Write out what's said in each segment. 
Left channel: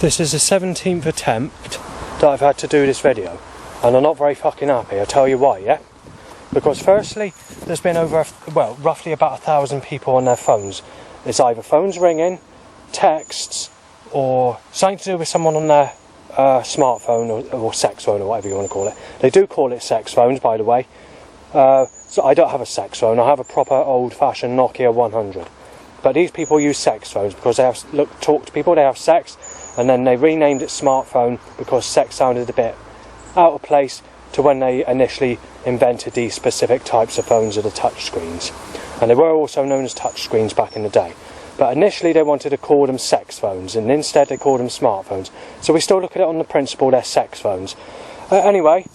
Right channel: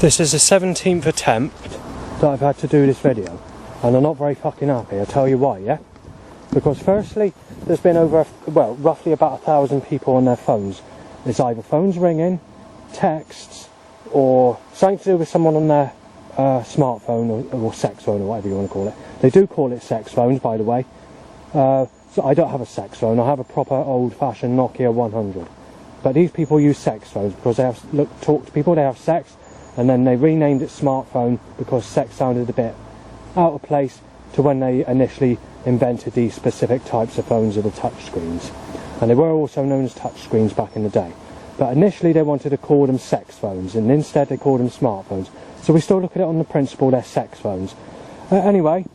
This is the 17th attempt that I've had to do this video, and I'm not very fucking happy. I'll tell you why, yeah? Because firstly, there's been roughly about 1,000 people on their phones. It's either phones ringing, texts, or something to do with someone on their smartphone or sex phone or whatever you want to call it. They do call it sex phones, by the way. So I don't have a sex phone. I have a proper old-fashioned Nokia 100. But these people use sex phones because they talk to people, they have sex, and then they renamed it smartphone because sex sounded a bit out of place to when they initially invented these specific types of phones with the touch screens. And they were also known as touch screens back in the day. But initially they wanted to call them sex phones, and instead they called them smartphones. So we still look at it on the principle they're sex phones. Anyway,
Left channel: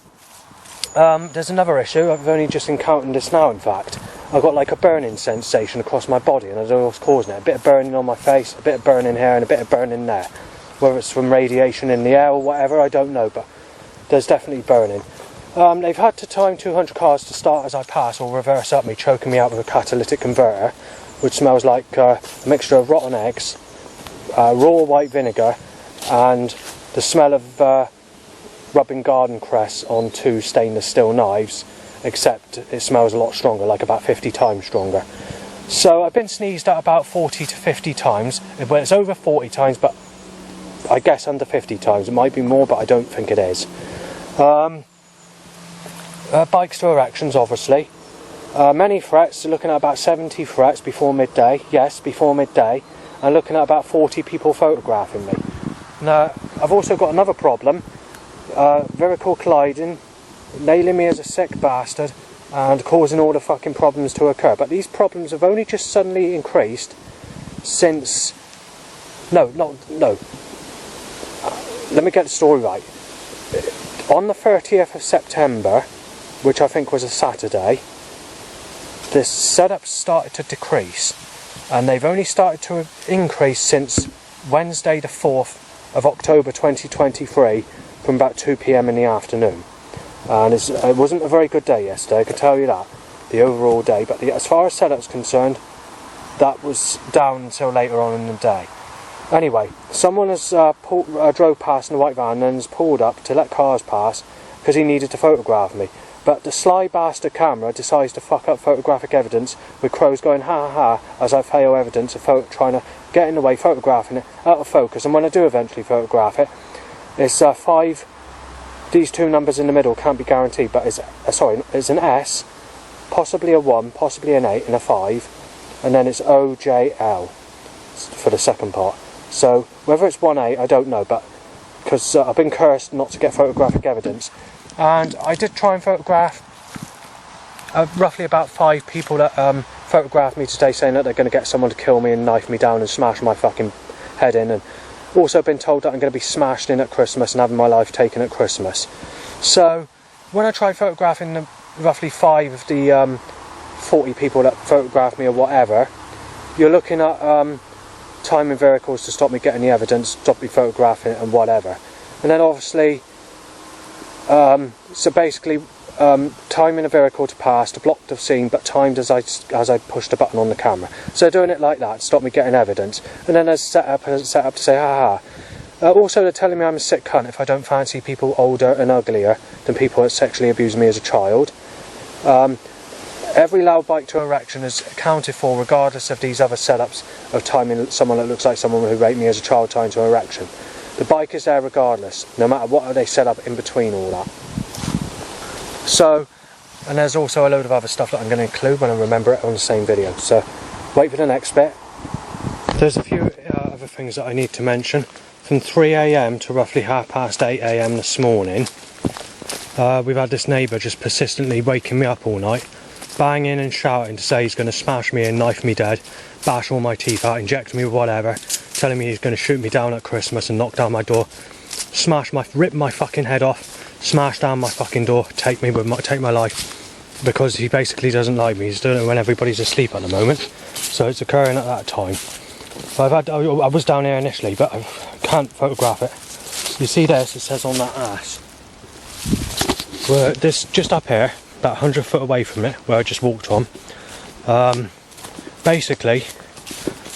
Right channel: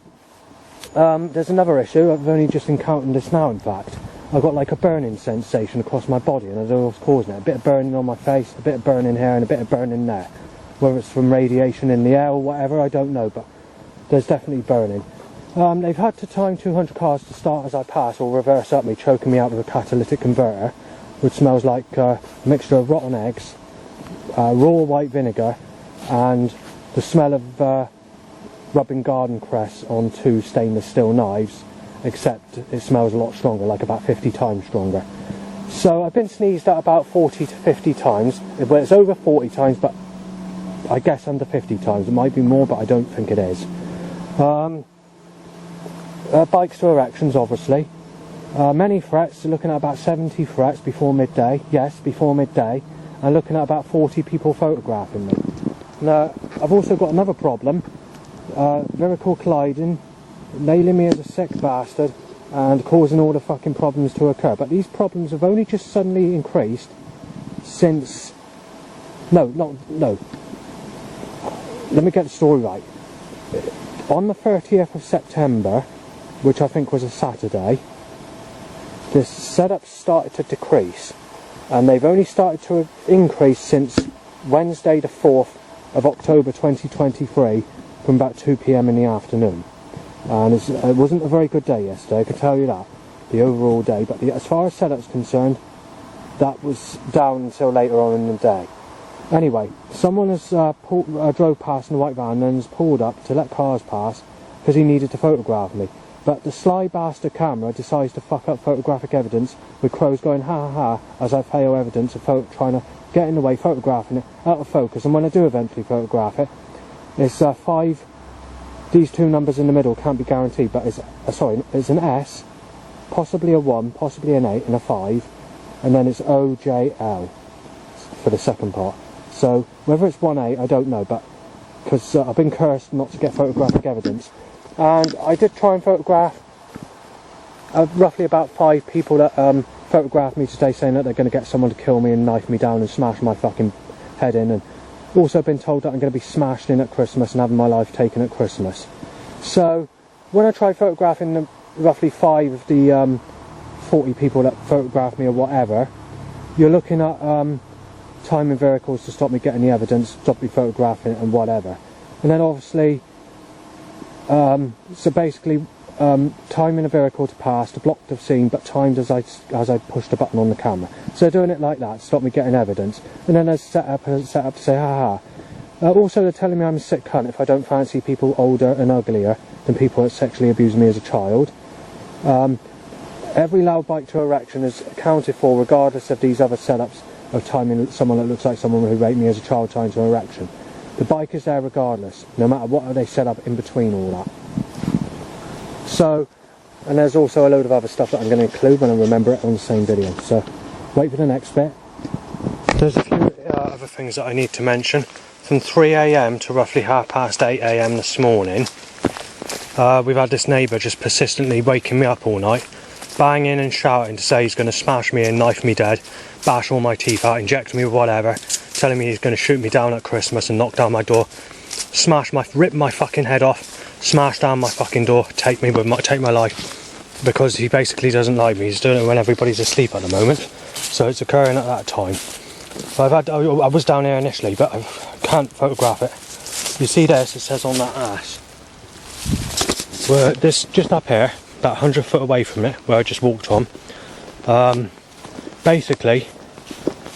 there's another issue. I've only just encountered this now, in fact. I've got like a burning sensation across my body, and I don't know what's causing it. A bit of burning on my face, a bit of burning here, and a bit of burning there. Whether it's from radiation in the air or whatever, I don't know, but there's definitely burning. They've had to time 200 cars to start as I pass or reverse up me, choking me out with a catalytic converter, which smells like a mixture of rotten eggs, raw white vinegar, and the smell of rubbing garden cress on 2 stainless steel knives, except it smells a lot stronger, like about 50 times stronger. So I've been sneezed at about 40 to 50 times. Well, it's over 40 times, but I guess under 50 times. It might be more, but I don't think it is. Bikes to erections, obviously. Many threats, looking at about 70 threats before midday. Yes, before midday. And looking at about 40 people photographing me. Now, I've also got another problem. Vehicle colliding, nailing me as a sick bastard, and causing all the fucking problems to occur. But these problems have only just suddenly increased since... No. Let me get the story right. On the 30th of September, which I think was a Saturday, this setup started to decrease, and they've only started to increase since Wednesday the 4th of October 2023 from about 2 PM in the afternoon. And it wasn't a very good day yesterday, I can tell you that, the overall day, but as far as setup's concerned, that was down until later on in the day. Anyway, someone has drove past in a white van and has pulled up to let cars pass because he needed to photograph me. But the sly bastard camera decides to fuck up photographic evidence with crows going ha ha ha as I fail evidence of trying to get in the way, photographing it out of focus. And when I do eventually photograph it, it's 5. These 2 numbers in the middle can't be guaranteed, but it's an S, possibly a 1, possibly an 8 and a 5, and then it's OJL for the second part. So whether it's 1A, I don't know, but because I've been cursed not to get photographic evidence. And I did try and photograph roughly about 5 people that photographed me today, saying that they're going to get someone to kill me and knife me down and smash my fucking head in, and also been told that I'm going to be smashed in at Christmas and having my life taken at Christmas. So when I tried photographing the roughly 5 of the 40 people that photographed me or whatever, you're looking at timing vehicles to stop me getting the evidence, stop me photographing it and whatever. And then obviously, so basically timing a vehicle to pass to block the scene, but timed as I pushed the button on the camera. So doing it like that to stop me getting evidence. And then there's set up to say ha ha. Also they're telling me I'm a sick cunt if I don't fancy people older and uglier than people that sexually abused me as a child. Every loud bike to erection is accounted for regardless of these other setups of timing someone that looks like someone who raped me as a child time to erection. The bike is there regardless, no matter what they set up in between all that. So, and there's also a load of other stuff that I'm going to include when I remember it on the same video. So, wait for the next bit. There's a few other things that I need to mention. From 3 AM to roughly 8:30 AM this morning, we've had this neighbour just persistently waking me up all night, banging and shouting to say he's going to smash me and knife me dead, bash all my teeth out, inject me with whatever, telling me he's going to shoot me down at Christmas and knock down my door, rip my fucking head off, smash down my fucking door, take my life, because he basically doesn't like me. He's doing it when everybody's asleep at the moment, so it's occurring at that time. I was down here initially, but I can't photograph it. You see this, it says on that ash, where this just up here, about 100 foot away from it, where I just walked on. Basically,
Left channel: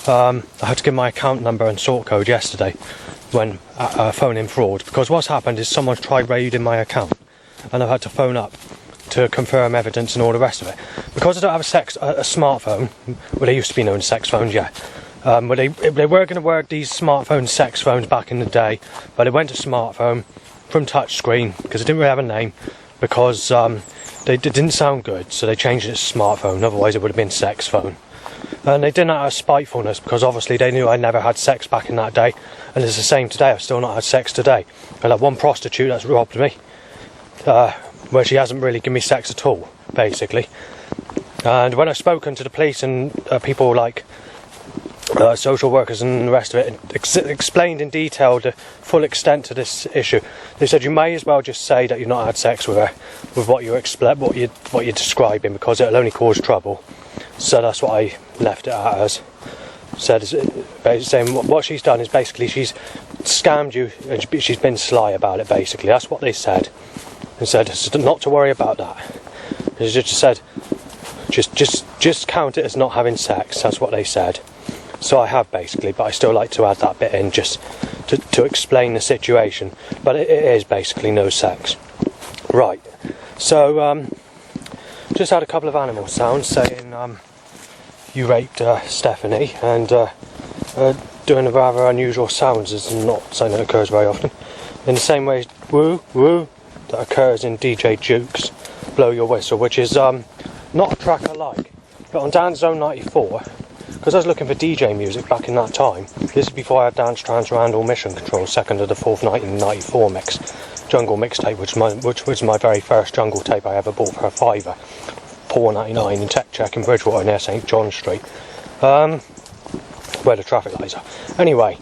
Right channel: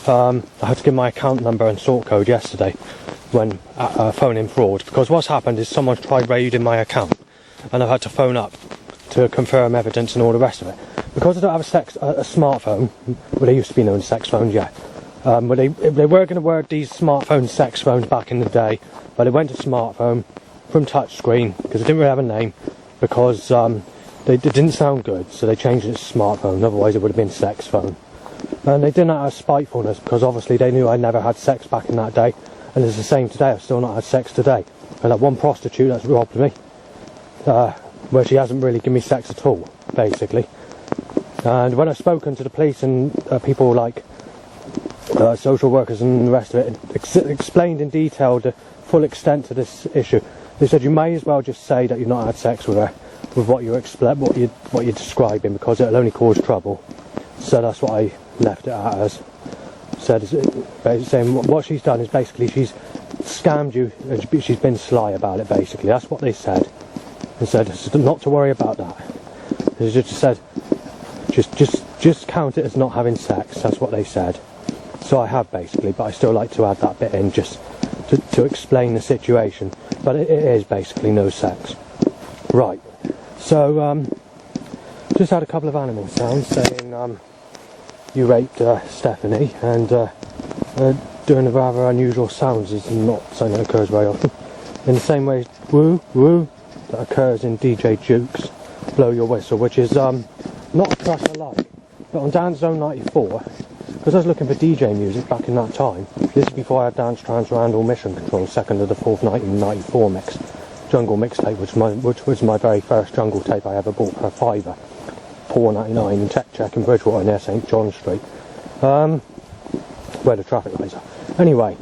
I had to give my account number and sort code yesterday when phoning fraud, because what's happened is someone's tried raiding my account and I've had to phone up to confirm evidence and all the rest of it. Because I don't have a smartphone, well, they used to be known as sex phones, yeah. But they were going to word these smartphones sex phones back in the day, but it went to smartphone from touchscreen because it didn't really have a name, because they didn't sound good, so they changed it to smartphone, otherwise it would have been sex phone. And they did that out of spitefulness, because obviously they knew I never had sex back in that day, and it's the same today. I've still not had sex today. And that one prostitute that's robbed me, where she hasn't really given me sex at all, basically. And when I've spoken to the police and people like social workers and the rest of it, explained in detail the full extent to this issue, they said you may as well just say that you've not had sex with her, with what you're describing, because it'll only cause trouble. So that's what I left it at as. Saying what she's done is basically she's scammed you and she's been sly about it, basically. That's what they said. And said not to worry about that. They just said just count it as not having sex. That's what they said. So I have, basically, but I still like to add that bit in just to explain the situation. But it is basically no sex. Right. So just had a couple of animal sounds saying you raped Stephanie, and doing a rather unusual sounds is not something that occurs very often. In the same way, woo woo, that occurs in DJ Duke's Blow Your Whistle, which is not a track I like. But on Dance Zone 94, because I was looking for DJ music back in that time, this is before I had Dance Trance Randall Mission Control, second of the fourth 1994 mix, jungle mixtape, which was my very first jungle tape I ever bought for a £5, £4.99 in Tech Check in Bridgewater near St John Street, where the traffic lights are. Anyway,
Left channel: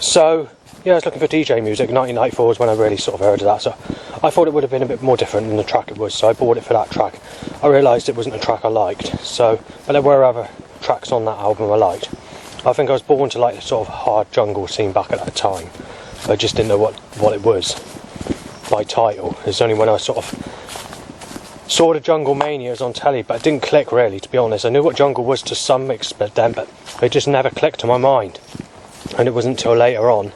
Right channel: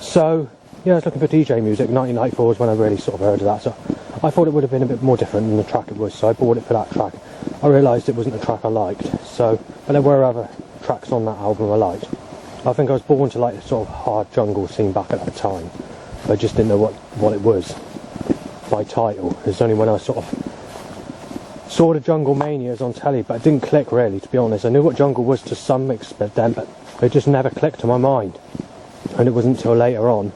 so yeah, I was looking for DJ music. 1994 was when I really sort of heard of that, so I thought it would have been a bit more different than the track it was, so I bought it for that track. I realised it wasn't a track I liked, but there were other tracks on that album I liked. I think I was born to like the sort of hard jungle scene back at that time. I just didn't know what it was by title. It's only when I sort of saw the Jungle Manias on telly, but it didn't click really, to be honest. I knew what jungle was to some extent then, but it just never clicked to my mind. And it wasn't until later on,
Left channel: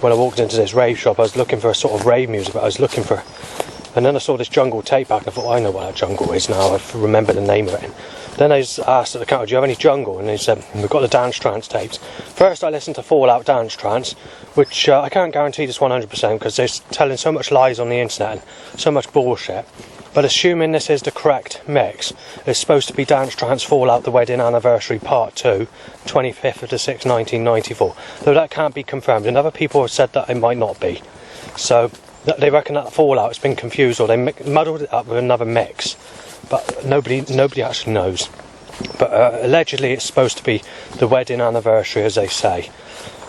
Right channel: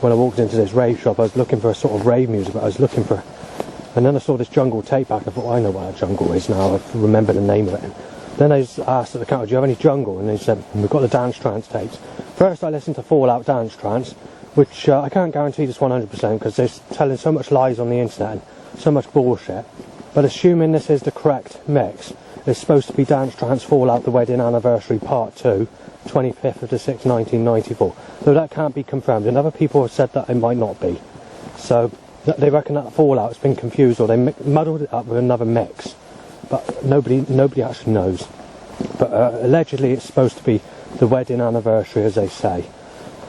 when I walked into this rave shop, I was looking for a sort of rave music, but I was looking for, and then I saw this jungle tape back and I thought, I know what that jungle is now, I remember the name of it. And then I asked at the counter, do you have any jungle? And they said, we've got the Dance Trance tapes. First I listened to Fallout Dance Trance, which I can't guarantee this 100% because they're telling so much lies on the internet and so much bullshit. But assuming this is the correct mix, it's supposed to be Dance Trance Fallout The Wedding Anniversary Part 2, 25th of the 6th, 1994. Though that can't be confirmed, and other people have said that it might not be. So they reckon that Fallout has been confused, or they muddled it up with another mix. But nobody actually knows. But allegedly it's supposed to be The Wedding Anniversary, as they say.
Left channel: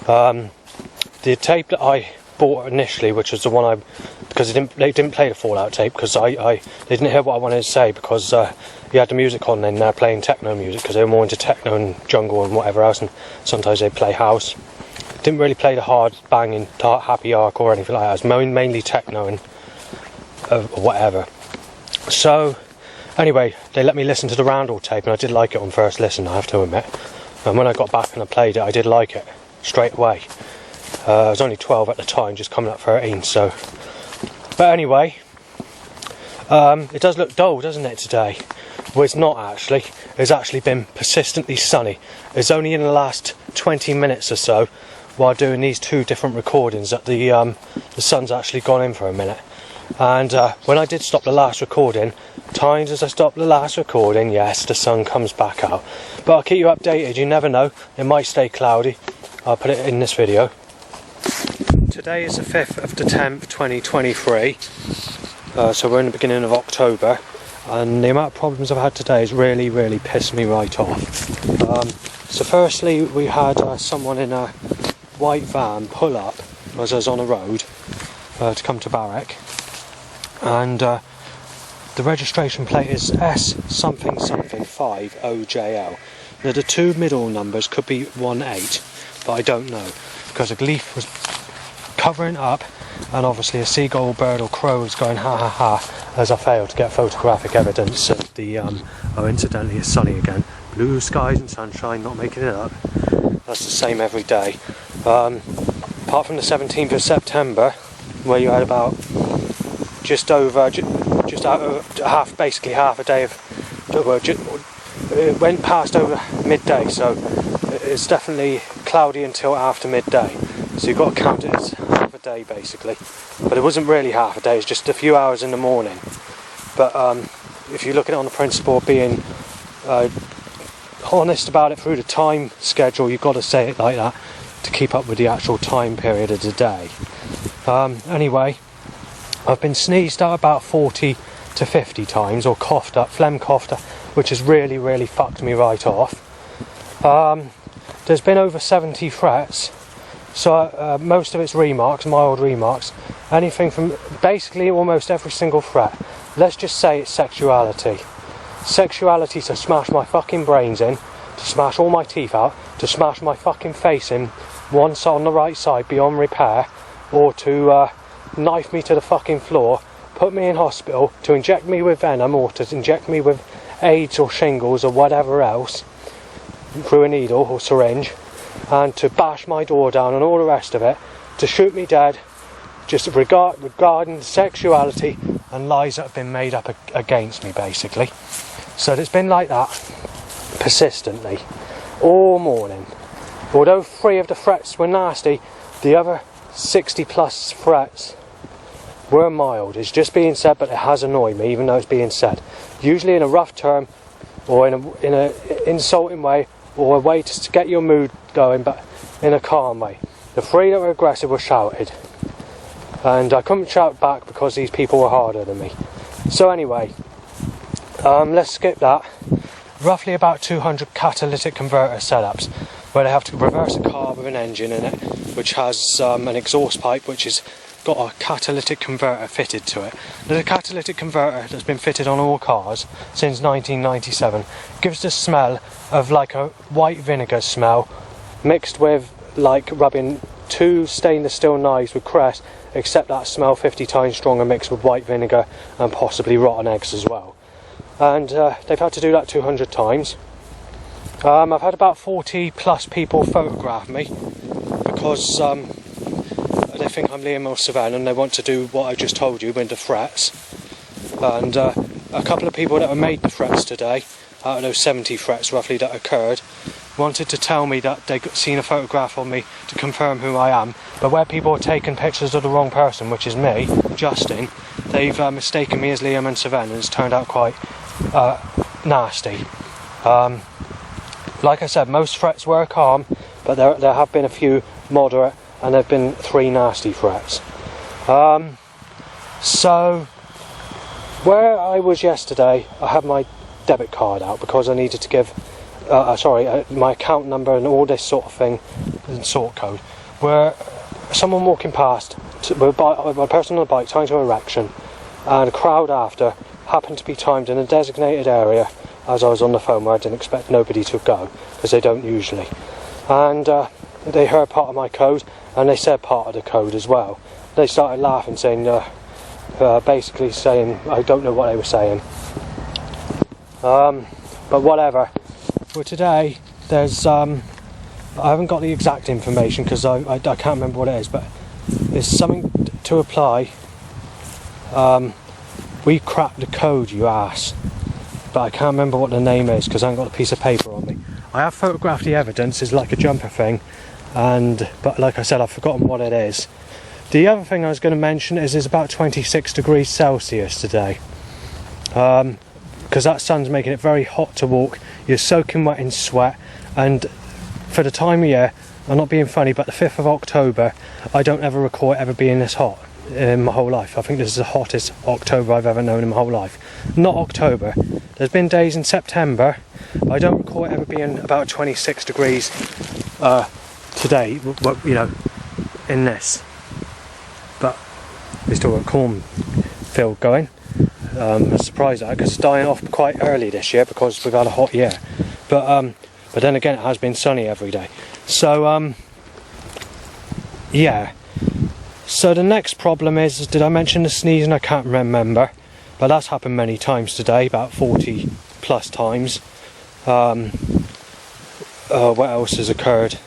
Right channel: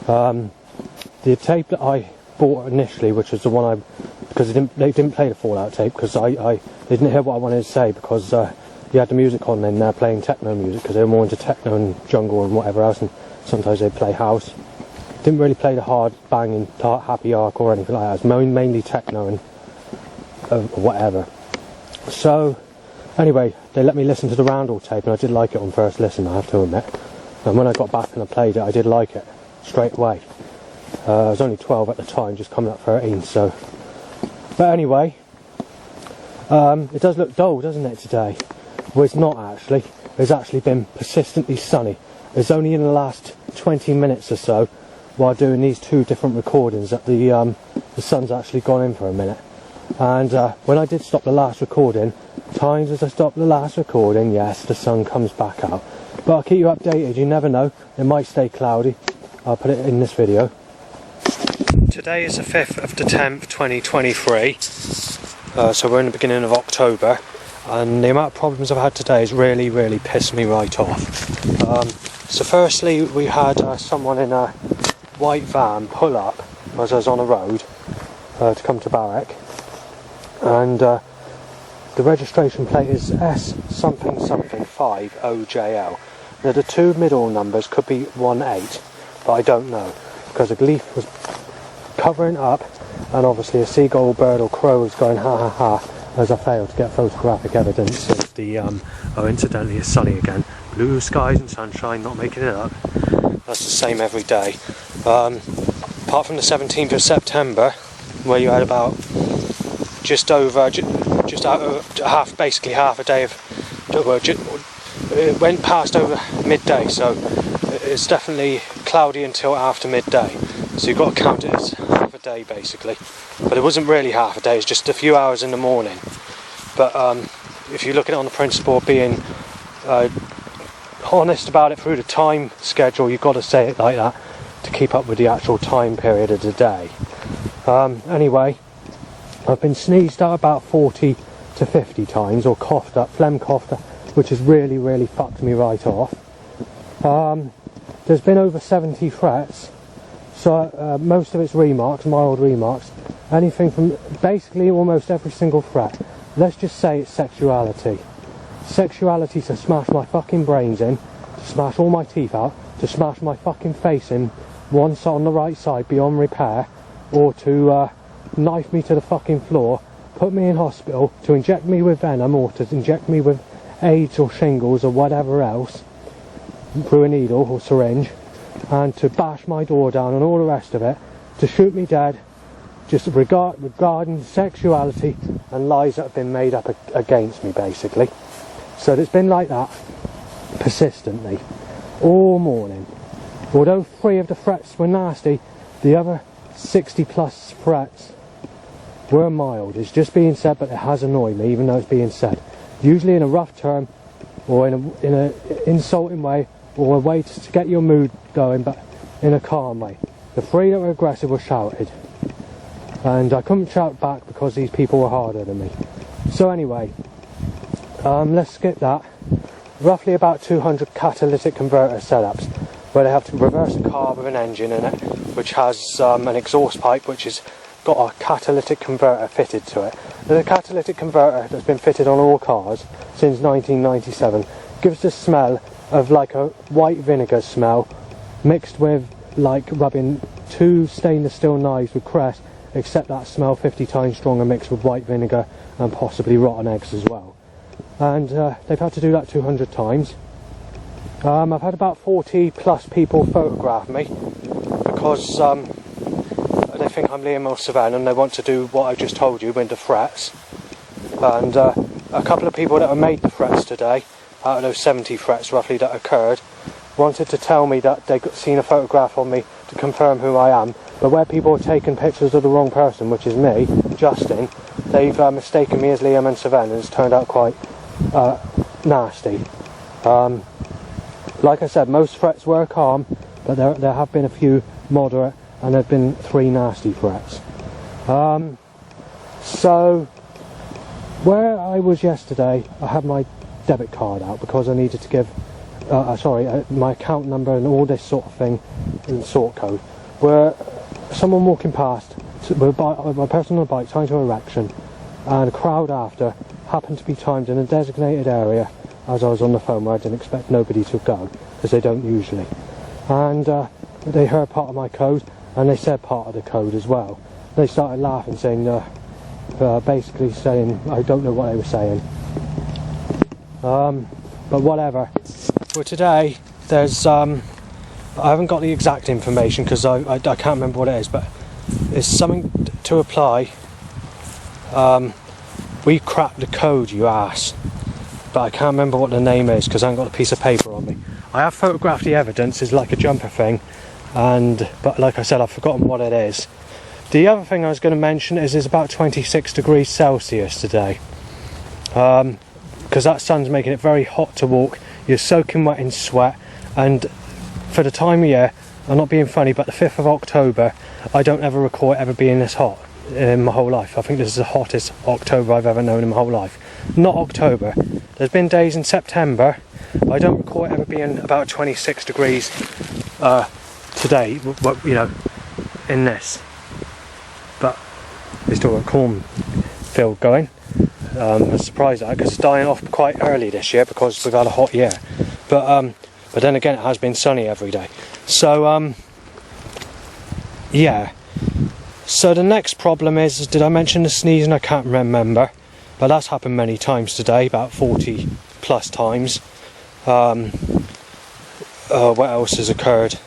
The tape that I bought initially, which was the one because they didn't play the Fallout tape, because they didn't hear what I wanted to say, because you had the music on and they're playing techno music, because they were more into techno and jungle and whatever else, and sometimes they'd play house. Didn't really play the hard banging happy arc or anything like that. It was mainly techno and whatever. So anyway, they let me listen to the Randall tape, and I did like it on first listen, I have to admit. And when I got back and I played it, I did like it straight away. I was only 12 at the time, just coming up 13, so. But anyway, it does look dull, doesn't it, today? Well, it's not actually. It's actually been persistently sunny. It's only in the last 20 minutes or so, while doing these two different recordings, that the sun's actually gone in for a minute. And when I did stop the last recording, times as I stop the last recording, yes, the sun comes back out. But I'll keep you updated, you never know. It might stay cloudy. I'll put it in this video. Today is the 5th of the 10th, 2023. So we're in the beginning of October. And the amount of problems I've had today has really, really pissed me right off. So firstly, we had someone in a white van pull up as I was on a road to come to Barrack. And the registration plate is S something something 5 OJL. Now the two middle numbers could be 18, but I don't know, because a leaf was covering up, and obviously a seagull, bird or crow was going ha ha ha as I failed to get photographic evidence of the incidentally it's sunny again, blue skies and sunshine, not making it up. That's the same every day. apart from the 17th of September, where you had about just basically half a day of, well, it went past over midday, so it's definitely cloudy until after midday. So you've got to count it as half a day basically. But it wasn't really half a day, it's just a few hours in the morning. But if you look at it on the principle of being honest about it through the time schedule, you've got to say it like that to keep up with the actual time period of the day. Anyway, I've been sneezed at about 40 to 50 times, or coughed up, phlegm coughed up, which has really fucked me right off. There's been over 70 threats, so most of it's remarks, mild remarks, anything from basically almost every single threat. Let's just say it's sexuality. Sexuality to smash my fucking brains in, to smash all my teeth out, to smash my fucking face in, one side on the right side beyond repair, or to knife me to the fucking floor, put me in hospital, to inject me with venom, or to inject me with AIDS or shingles or whatever else through a needle or syringe, and to bash my door down and all the rest of it, to shoot me dead, just regarding sexuality and lies that have been made up against me basically. So it's been like that persistently all morning. Although 3 of the threats were nasty, the other 60 plus threats were mild. It's just being said, but it has annoyed me even though it's being said, usually in a rough term or in a insulting way, or a way to get your mood going, but in a calm way. The 3 that were aggressive were shouted, and I couldn't shout back because these people were harder than me. So anyway, let's skip that. Roughly about 200 catalytic converter setups, where they have to reverse a car with an engine in it, which has an exhaust pipe which has got a catalytic converter fitted to it. There's a catalytic converter that's been fitted on all cars since 1997. Gives the smell of like a white vinegar smell, mixed with like rubbing 2 stainless steel knives with cress, except that smell 50 times stronger, mixed with white vinegar and possibly rotten eggs as well. And they've had to do that 200 times. I've had about 40 plus people photograph me because they think I'm Liam or Savannah and they want to do what I just told you with the threats. And a couple of people that have made the threats today, out of those 70 threats roughly that occurred, wanted to tell me that they'd seen a photograph of me to confirm who I am, but where people are taking pictures of the wrong person, which is me, Justin, they've mistaken me as Liam and Savannah, and it's turned out quite nasty. Like I said, most threats were calm, but there have been a few moderate, and there have been 3 nasty threats. So where I was yesterday, I had my debit card out because I needed to give my account number and all this sort of thing in sort code, where someone walking past with a person on a bike trying to erection, and a crowd after happened to be timed in a designated area as I was on the phone, where I didn't expect nobody to go because they don't usually, and they heard part of my code and they said part of the code as well. They started laughing, saying basically saying I don't know what they were saying, but whatever. For today, there's I haven't got the exact information because I can't remember what it is, but it's something to apply. We cracked the code, you ass, but I can't remember what the name is because I haven't got a piece of paper on me. I have photographed the evidence, it's like a jumper thing, but like I said, I've forgotten what it is. The other thing I was going to mention is it's about 26 degrees Celsius today, because that sun's making it very hot to walk. You're soaking wet in sweat, and for the time of year, I'm not being funny, but the 5th of October, I don't ever recall it ever being this hot in my whole life. I think this is the hottest October I've ever known in my whole life. Not October. There's been days in September, but I don't recall it ever being about 26 degrees today, you know, in this. But we still got cornfield going. I'm surprised at it because it's dying off quite early this year because we've had a hot year. But then again, it has been sunny every day. So yeah. So the next problem is, did I mention the sneezing? I can't remember, but that's happened many times today, about 40 plus times. What else has occurred?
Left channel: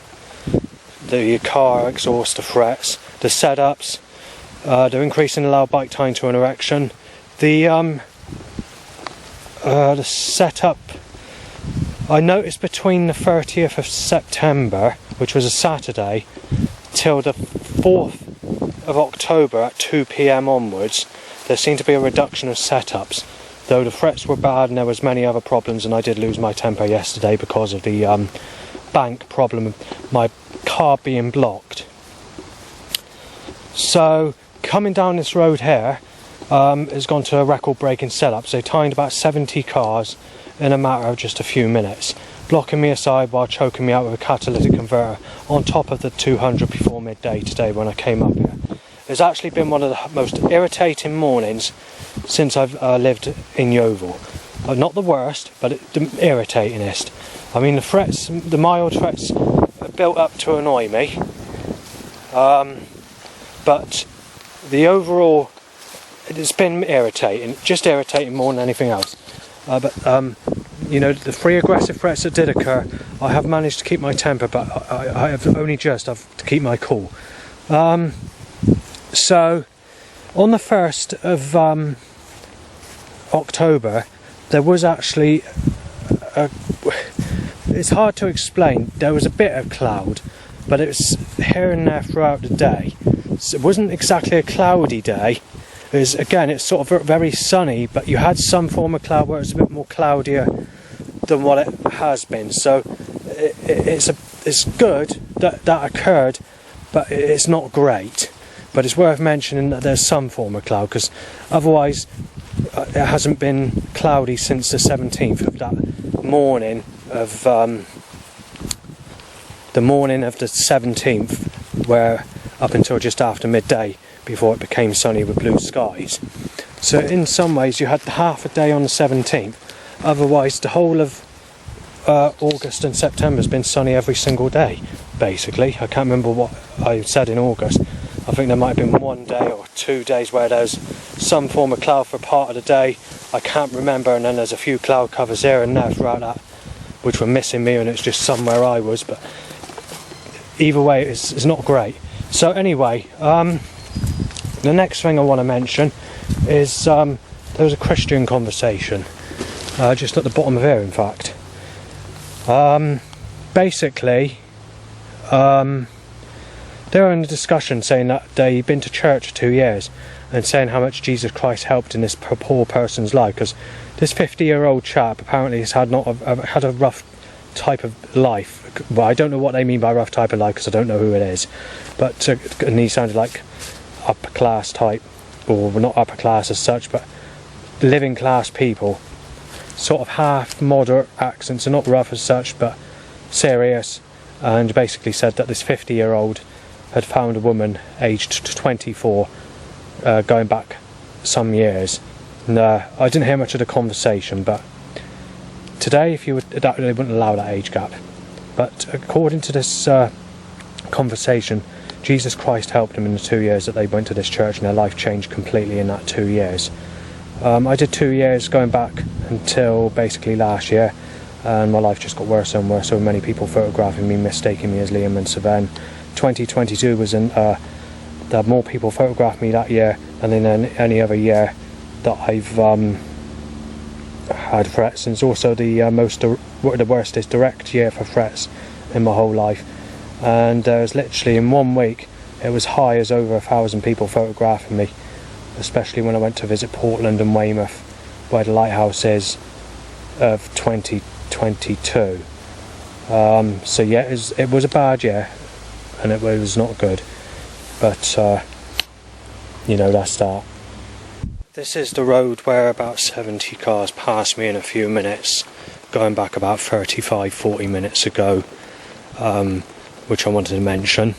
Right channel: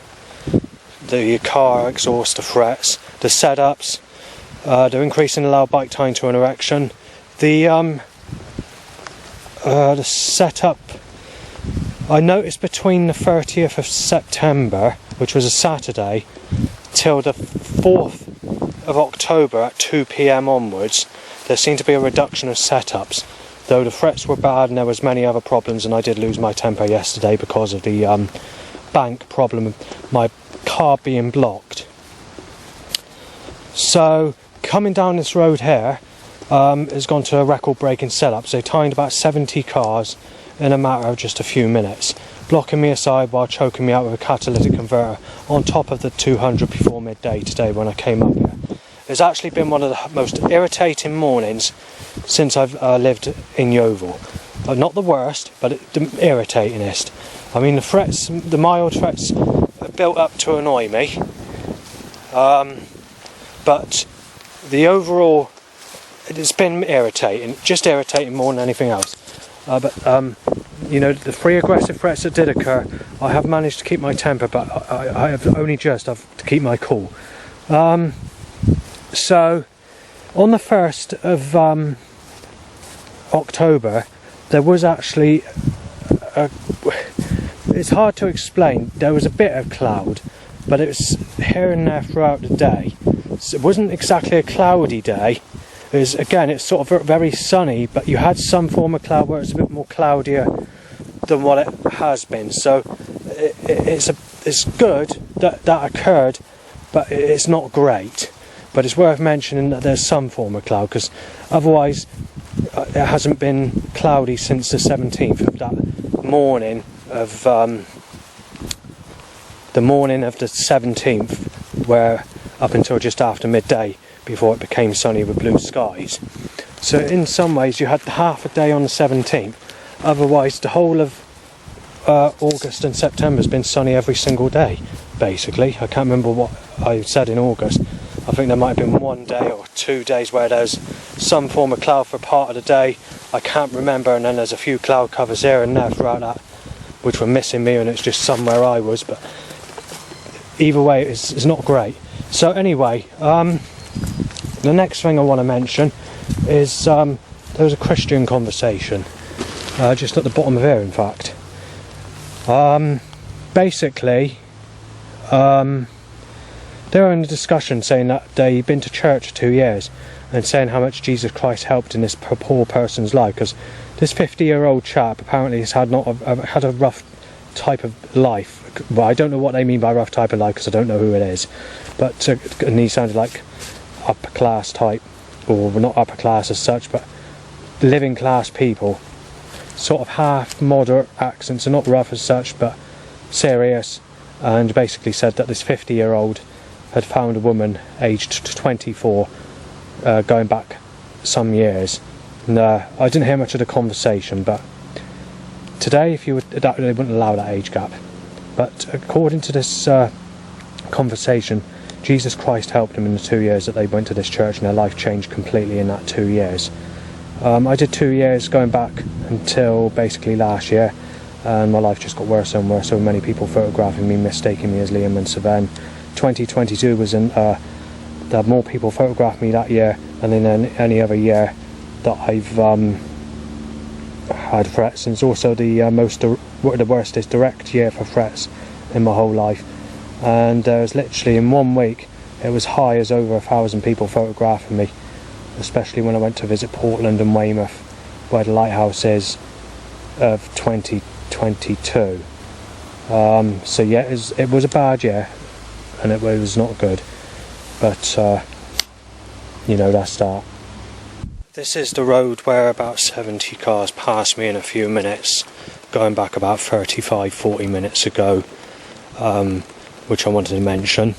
the car exhaust, the frets, the setups, the increase in allowed bike time to an erection, the setup. I noticed between the 30th of September, which was a Saturday, till the 4th of October at 2 PM onwards, there seemed to be a reduction of setups, though the frets were bad and there was many other problems, and I did lose my temper yesterday because of the bank problem, my car being blocked. So coming down this road here has gone to a record-breaking setup. So they timed about 70 cars in a matter of just a few minutes, blocking me aside while choking me out with a catalytic converter on top of the 200 before midday today when I came up here. It's actually been one of the most irritating mornings since I've lived in Yeovil. Not the worst, but the irritatingest. I mean, the frets, the mild frets, are built up to annoy me. But the overall, it's been irritating, just irritating more than anything else. You know, the three aggressive threats that did occur, I have managed to keep my temper, but I have only just have to keep my cool. So, on the 1st of October, there was actually it's hard to explain. There was a bit of cloud, but it was here and there throughout the day. So it wasn't exactly a cloudy day. It's sort of very sunny, but you had some form of cloud where it was a bit more cloudier than what it has been. So it's good that occurred, but it's not great. But it's worth mentioning that there's some form of cloud, because otherwise it hasn't been cloudy since the 17th of that morning of the morning of the 17th, where up until just after midday, before it became sunny with blue skies. So in some ways you had half a day on the 17th. Otherwise the whole of August and September has been sunny every single day, basically. I can't remember what I said in August. I think there might have been 1 day or 2 days where there's some form of cloud for part of the day. I can't remember, and then there's a few cloud covers here and there throughout that which were missing me, and it's just somewhere I was. But either way, it's not great. So anyway, the next thing I want to mention is there was a Christian conversation just at the bottom of here, in fact. Basically, they were in a discussion saying that they'd been to church for 2 years and saying how much Jesus Christ helped in this poor person's life, because this 50-year-old chap apparently has had a rough type of life. Well, I don't know what they mean by rough type of life, because I don't know who it is, but and he sounded like upper class type, or not upper class as such, but living class people, sort of half moderate accents, and not rough as such, but serious, and basically said that this 50-year-old had found a woman aged 24, going back some years. And I didn't hear much of the conversation, but today, they wouldn't allow that age gap. But according to this conversation, Jesus Christ helped them in the 2 years that they went to this church, and their life changed completely in that 2 years. I did 2 years going back until basically last year, and my life just got worse and worse. So many people photographing me, mistaking me as Liam and Savan. 2022 was there had more people photographed me that year than in any other year that I've had threats. And it's also the worstest direct year for threats in my whole life. And there was literally in 1 week it was high as over 1,000 people photographing me, especially when I went to visit Portland and Weymouth, where the lighthouse is, of 2022. So yeah, it was a bad year, and it was not good, but you know, that's that. This is the road where about 70 cars passed me in a few minutes, going back about 35-40 minutes ago, which I wanted to mention.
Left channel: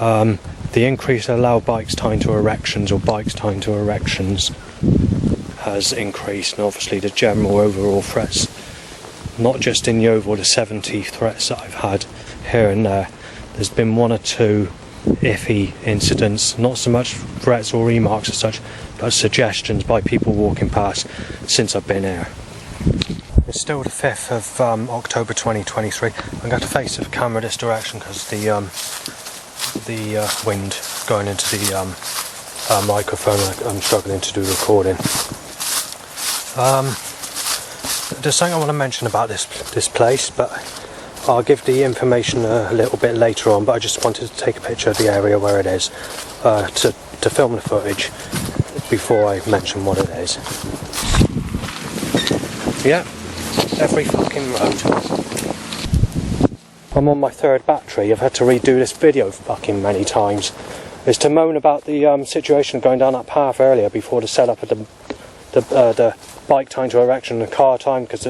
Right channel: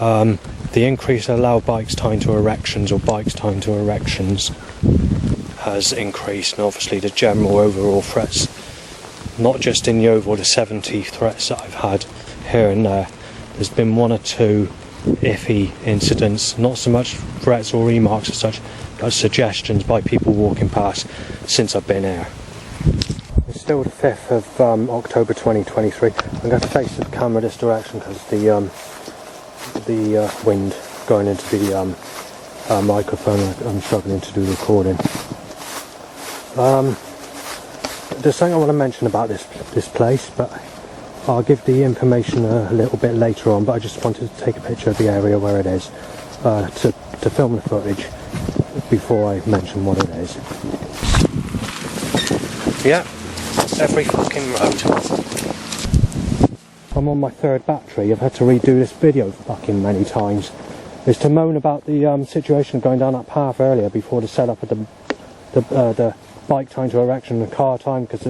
The increase in allowed bikes time to erections, or bikes time to erections, has increased, and obviously the general overall threats, not just in Yeovil, the 70 threats that I've had here and there. There's been 1 or 2 iffy incidents, not so much threats or remarks as such, but suggestions by people walking past since I've been here. It's still the 5th of October 2023. I'm going to face the camera this direction because the wind going into the microphone. I'm struggling to do recording. There's something I want to mention about this place, but I'll give the information a little bit later on. But I just wanted to take a picture of the area where it is to film the footage before I mention what it is. Yeah, every fucking road. I'm on my 3rd battery. I've had to redo this video fucking many times. It's to moan about the situation going down that path earlier before the setup of the bike time to erection and the car time, because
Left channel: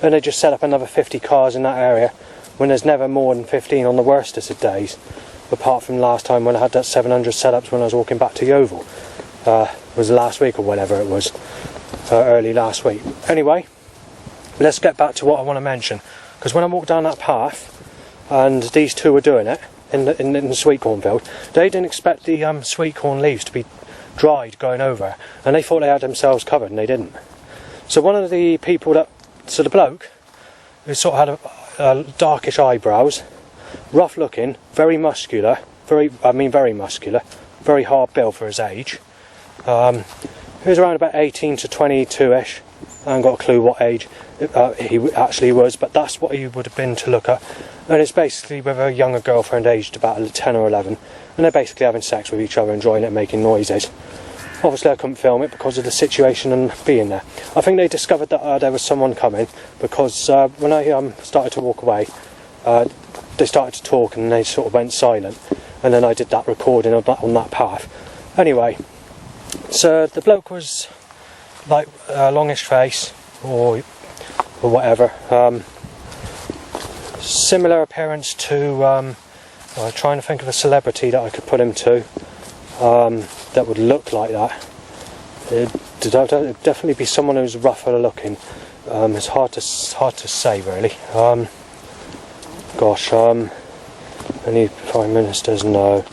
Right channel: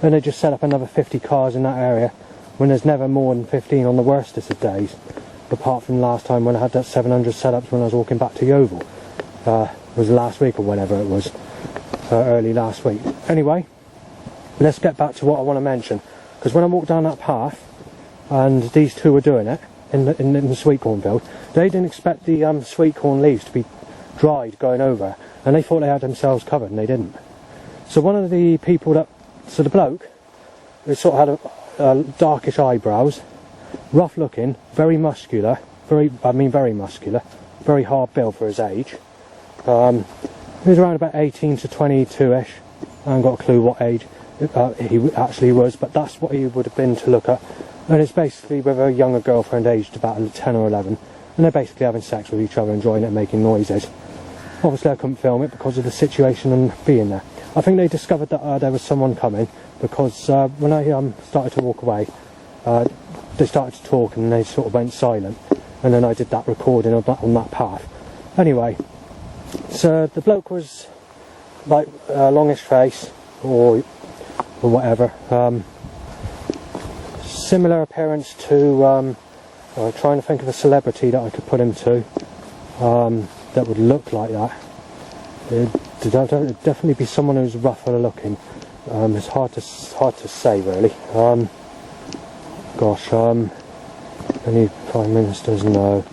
then they just set up another 50 cars in that area when there's never more than 15 on the worstest of days, apart from last time when I had that 700 setups when I was walking back to Yeovil. Was last week or whatever it was, early last week. Anyway, let's get back to what I want to mention, because when I walked down that path and these two were doing it in the sweet corn field, they didn't expect the sweet corn leaves to be dried going over, and they thought they had themselves covered, and they didn't. So one of the people the bloke, he sort of had darkish eyebrows, rough looking, very muscular, very muscular, very hard build for his age. He was around about 18 to 22-ish. I haven't got a clue what age he actually was, but that's what he would have been to look at. And it's basically with a younger girlfriend aged about 10 or 11, and they're basically having sex with each other, enjoying it, making noises. Obviously I couldn't film it because of the situation and being there. I think they discovered that there was someone coming, because when I started to walk away, they started to talk and they sort of went silent, and then I did that recording on that path. Anyway, so the bloke was like a longish face or whatever, similar appearance to trying to think of a celebrity that I could put him to that would look like that. It'd definitely be someone who's rougher looking. It's hard to say really. Any prime ministers? No,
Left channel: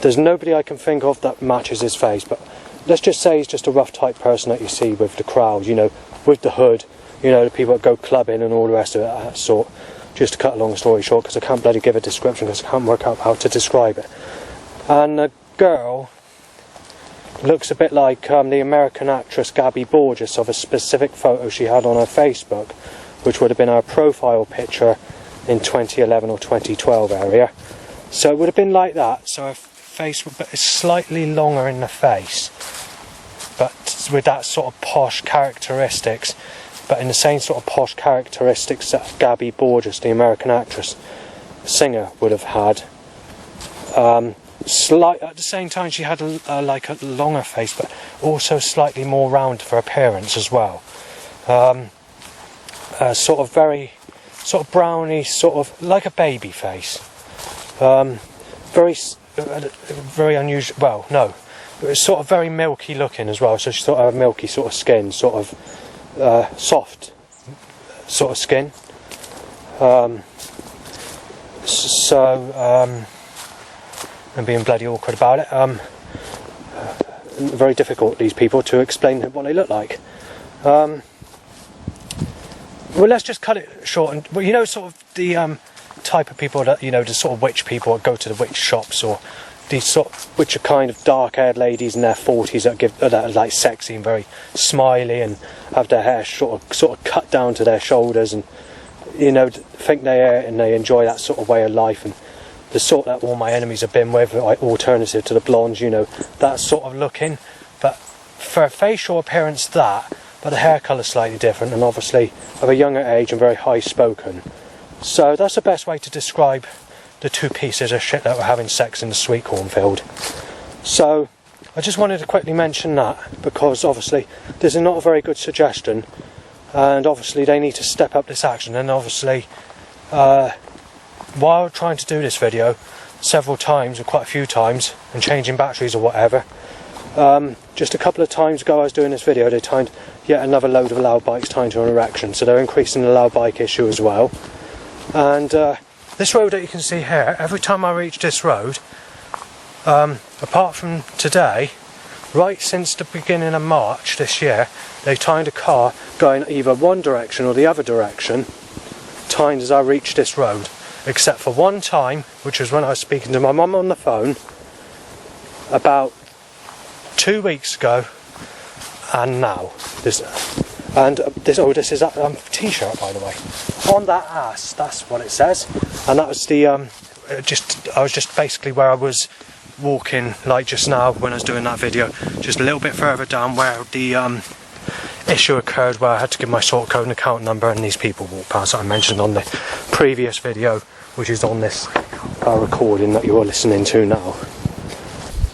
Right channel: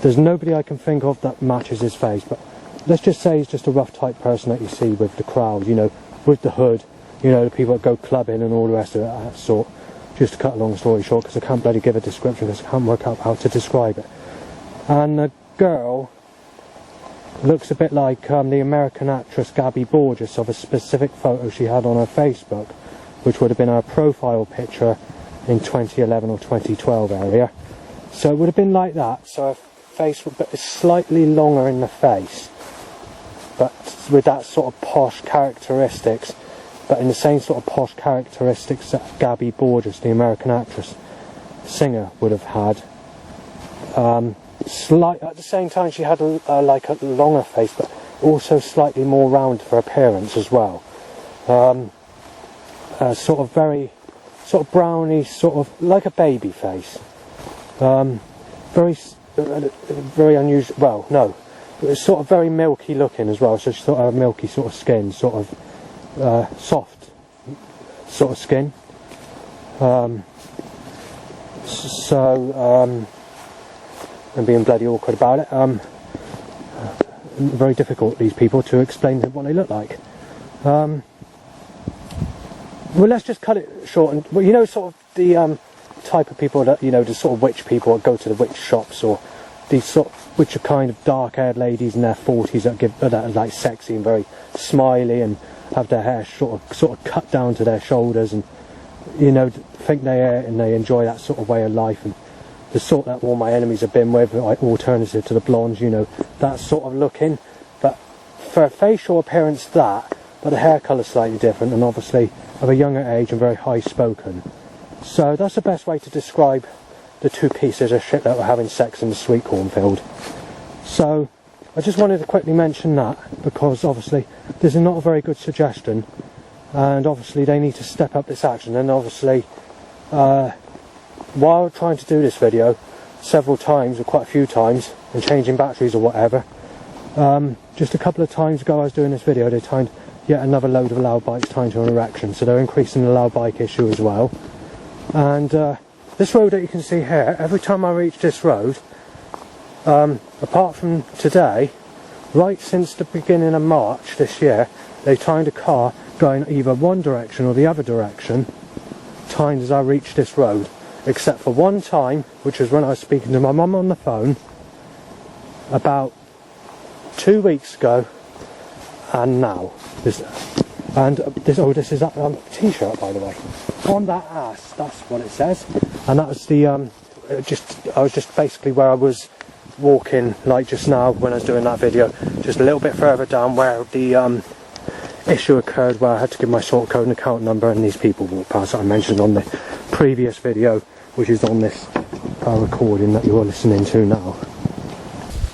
there's nobody I can think of that matches his face, but let's just say he's just a rough type person that you see with the crowd, with the hood, the people that go clubbing and all the rest of it, that sort. Just to cut a long story short, because I can't bloody give a description because I can't work out how to describe it. And the girl looks a bit like the American actress Gabby Borges, of a specific photo she had on her Facebook, which would have been her profile picture in 2011 or 2012 area. So it would have been like that. So her face would be slightly longer in the face, but with that sort of posh characteristics, but in the same sort of posh characteristics that Gabby Borges, the American actress, singer, would have had. At the same time, she had a longer face, but also slightly more round for appearance as well. Sort of browny, sort of like a baby face. Very unusual. Well, no, it was sort of very milky looking as well. So she sort of had a milky sort of skin, sort of soft sort of skin. And being bloody awkward about it. Very difficult, these people, to explain what they look like. Well, let's just cut it short. And sort of the type of people that the sort of witch people that go to the witch shops, or these sort of, which are kind of dark-haired ladies in their 40s that are like sexy and very smiley and have their hair sort of cut down to their shoulders, and think they enjoy that sort of way of life, and the sort that all my enemies have been with, like alternative to the blondes, that sort of looking. But for facial appearance, but the hair colour slightly different, and obviously of a younger age and very high spoken. So that's the best way to describe the two pieces of shit that were having sex in the sweet cornfield. So I just wanted to quickly mention that, because obviously this is not a very good suggestion, and obviously they need to step up this action. And obviously while trying to do this video several times, or quite a few times, and changing batteries or whatever, just a couple of times ago I was doing this video, they timed yet another load of allowed bikes timed to an erection, so they're increasing the allowed bike issue as well. And this road that you can see here, every time I reach this road, apart from today, right since the beginning of March this year, they timed a car going either one direction or the other direction, timed as I reached this road. Except for one time, which was when I was speaking to my mum on the phone, about 2 weeks ago, and now. This is a t-shirt, by the way. On that ass, that's what it says. And that was the, I was just basically where I was walking, like just now when I was doing that video, just a little bit further down where the issue occurred, where I had to give my sort code and account number, and these people walked past that I mentioned on the previous video, which is on this recording that you're listening to now.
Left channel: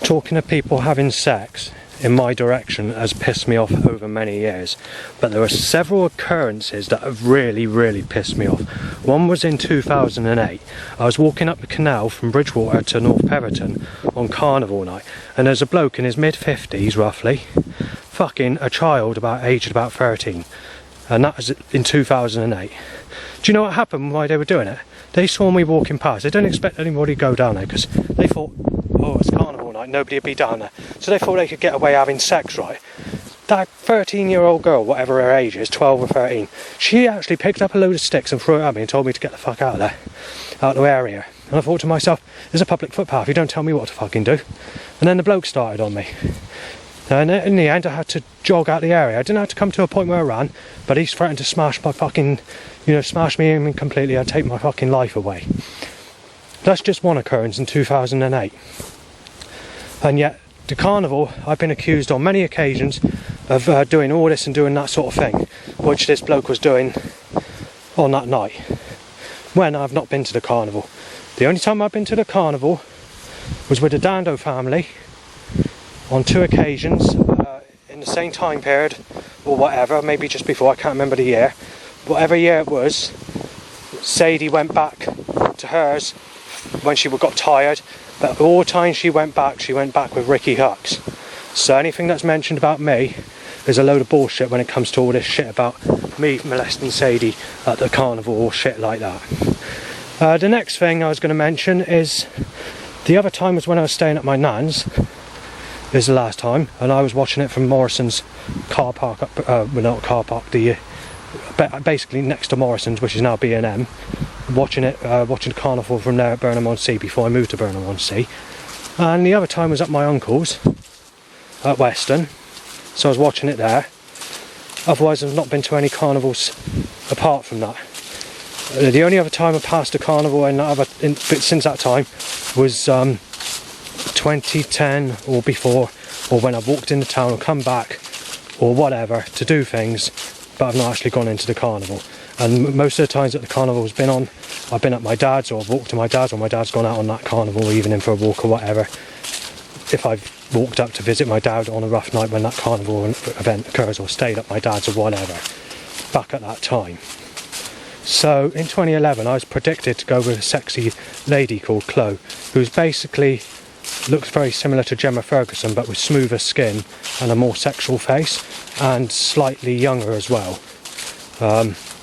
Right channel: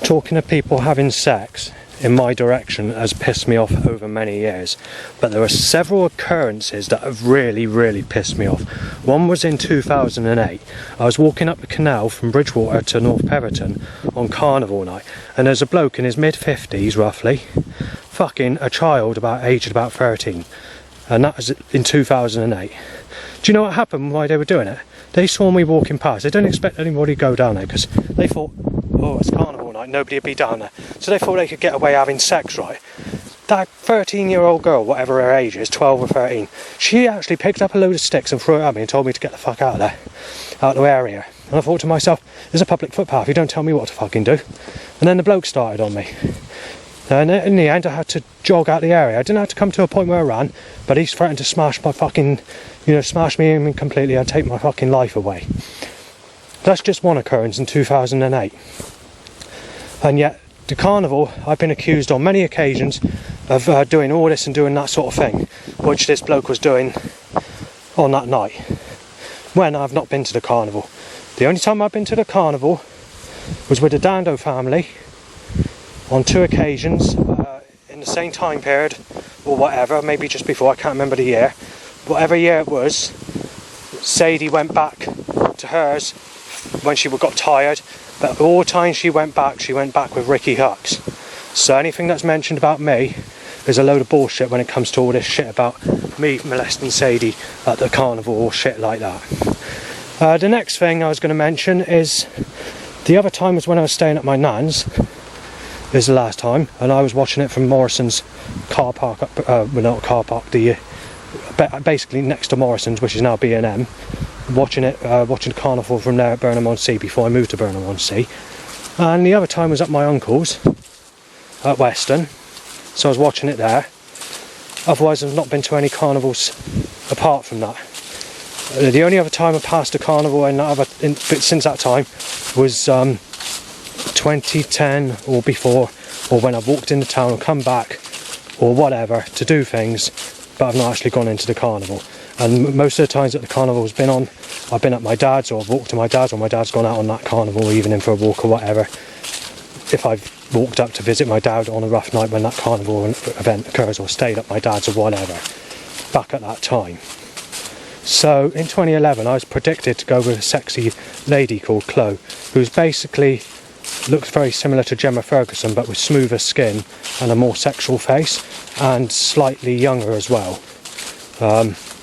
Talking of people having sex in my direction has pissed me off over many years, but there were several occurrences that have really pissed me off. One was in 2008. I was walking up the canal from Bridgewater to North Peverton on Carnival night, and there's a bloke in his mid-50s roughly fucking a child aged about 13, and that was in 2008. Do you know what happened while they were doing it? They saw me walking past. They didn't expect anybody to go down there because they thought, oh, it's Carnival night, nobody would be down there. So they thought they could get away having sex, right? That 13-year-old girl, whatever her age is, 12 or 13, she actually picked up a load of sticks and threw it at me and told me to get the fuck out of there, out of the area. And I thought to myself, there's a public footpath, you don't tell me what to fucking do. And then the bloke started on me. And in the end, I had to jog out the area. I didn't have to come to a point where I ran, but he's threatened to smash my fucking, smash me in completely and take my fucking life away. That's just one occurrence in 2008. And yet, the carnival, I've been accused on many occasions of doing all this and doing that sort of thing, which this bloke was doing on that night, when I've not been to the carnival. The only time I've been to the carnival was with the Dando family, on 2 occasions, in the same time period, or whatever, maybe just before, I can't remember the year. Whatever year it was, Sadie went back to hers when she got tired, but all times she went back with Ricky Hux. So anything that's mentioned about me is a load of bullshit when it comes to all this shit about me molesting Sadie at the carnival or shit like that. The next thing I was going to mention is, the other time was when I was staying at my nan's. This is the last time, and I was watching it from Morrison's car park, not car park, basically next to Morrison's, which is now B&M, watching the carnival from there at Burnham-on-Sea before I moved to Burnham-on-Sea. And the other time was at my uncle's at Weston, so I was watching it there. Otherwise I've not been to any carnivals apart from that. The only other time I passed a carnival since that time was 2010 or before, or when I've walked into town or come back or whatever to do things, but I've not actually gone into the carnival. And most of the times that the carnival's been on, I've been at my dad's, or I've walked to my dad's, or my dad's gone out on that carnival, or even in for a walk or whatever. If I've walked up to visit my dad on a rough night when that carnival event occurs, or stayed at my dad's or whatever, back at that time. So in 2011 I was predicted to go with a sexy lady called Chloe, who's basically looks very similar to Gemma Ferguson, but with smoother skin and a more sexual face, and slightly younger as well.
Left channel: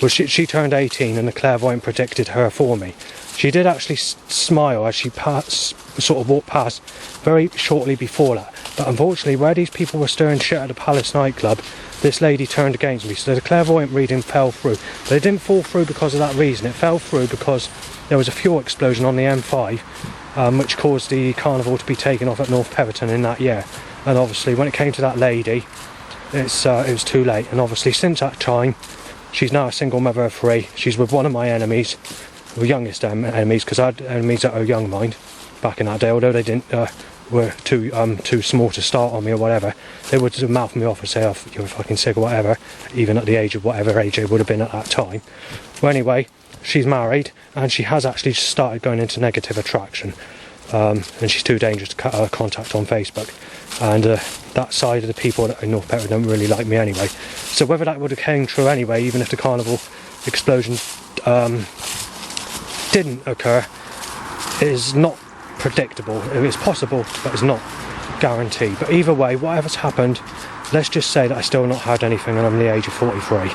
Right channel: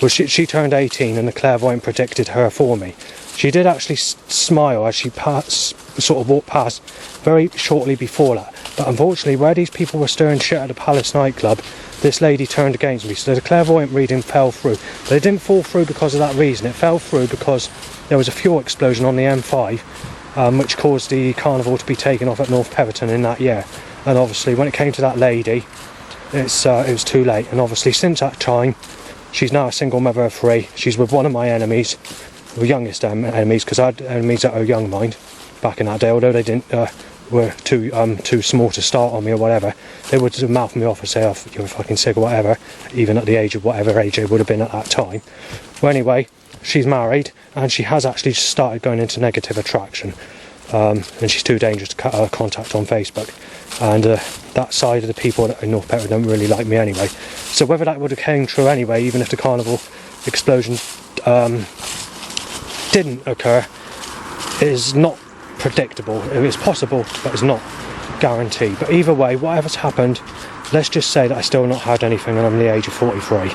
She turned 18 and the clairvoyant predicted her for me. She did actually smile as she sort of walked past very shortly before that, but unfortunately where these people were stirring shit at the Palace nightclub, this lady turned against me, so the clairvoyant reading fell through. But it didn't fall through because of that reason. It fell through because there was a fuel explosion on the M5, which caused the carnival to be taken off at North Peverton in that year. And obviously when it came to that lady, it was too late. And obviously since that time, she's now a single mother of 3. She's with one of my enemies, the youngest enemies, because I had enemies that are young, mind, back in that day, although they were too small to start on me or whatever. They would mouth me off and say, oh, you're fucking sick or whatever, even at the age of whatever age they would have been at that time. Well, anyway, she's married, and she has actually started going into negative attraction, and she's too dangerous to cut her contact on Facebook, and that side of the people in North Peverton don't really like me anyway. So whether that would have came true anyway, even if the carnival explosion didn't occur, is not predictable. It's possible, but it's not guaranteed. But either way, whatever's happened, let's just say that I still not had anything and I'm the age of 43.